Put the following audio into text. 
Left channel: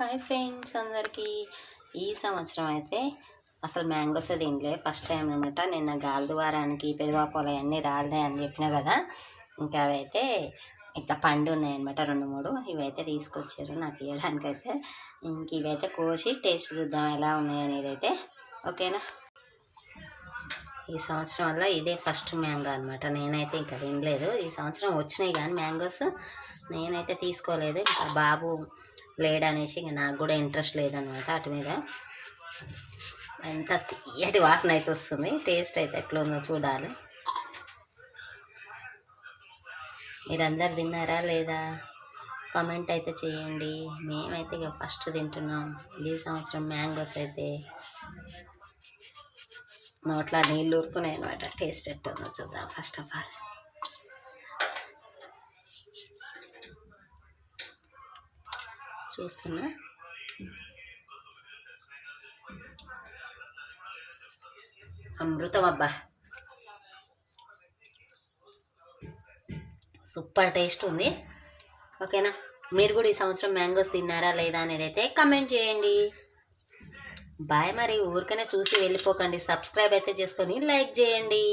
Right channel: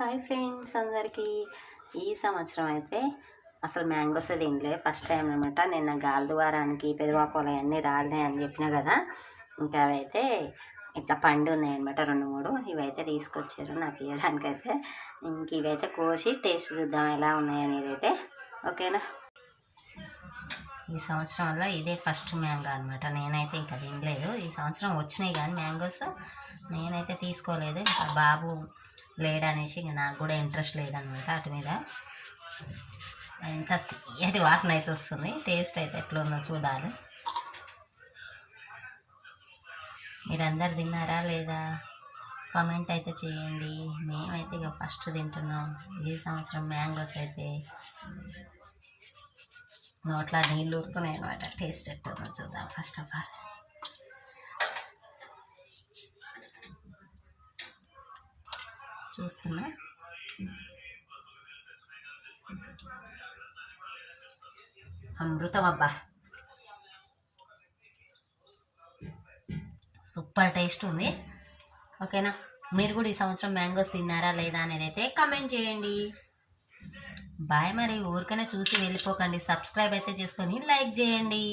Hi friends అందరికీ. ఈ సంవత్సరం అయితే అసలు మ్యాంగోస్ తినలే, ఫస్ట్ టైం అనమాట. నిన్న గాలిద్వారానికి పెదవాపోలు అవన్నీ రాలినాయి అని చెప్పినా కదా, ఇంకా అవైతే ఇట్లా పండు ఉన్నాయన్నమాట 2-3. ఇవైతే తీసుకొచ్చారు నాకు ఇవ్వడానికైతే. ఇంక ఇవైతే కోసి టేస్ట్ చూద్దాం ఎలా ఉన్నాయి అనేది అయితే. ఓకేనా. ఈ సంవత్సరం వల్ల ఇదే ఫస్ట్ మ్యాంగో అనమాట. నేనైతే ఇంకా తినలేదు. ఈ సంవత్సరం వచ్చినాయి కానీ మ్యాంగోస్ నేనైతే తీసుకోలేదు. ఇంకా బాబు లేడనేసి ఇంక నాకు కూడా ఇంట్రెస్ట్ లేదనమాట అటు మీద. ఎంత తీయటి వాసన అయితే వస్తుంది. టేస్ట్ అయితే ఎట్లా ఉందో చూడాలి. మీరందరు తిన్నారా లేదా కామెంట్ అయితే చేయండి. మేమైతే ఇక ఫస్ట్ తింటున్నాం ఈ సంవత్సరం మ్యాంగోస్. అయితే నోట్లా నీళ్ళు ఊరుకున్నాయి అనమాట. టేస్ట్ ఎట్టుందో చూద్దాం ఫస్ట్ ఆఫ్ ఆల్. చూస్తున్నా. అమృతం అబ్బా, సూపర్ టేస్ట్ ఉంది. ఓకేనా. మీరు కూడా ఈ సంవత్సరం మ్యాంగోస్ తిన్నారా లేదా అనేది అయితే కమెంట్ చేయండి. బాయ్. మరి ఊరికనే చూసి వెళ్ళిపోకండి. సబ్స్క్రైబ్ అయితే చేసుకొని లైక్ చేయండి.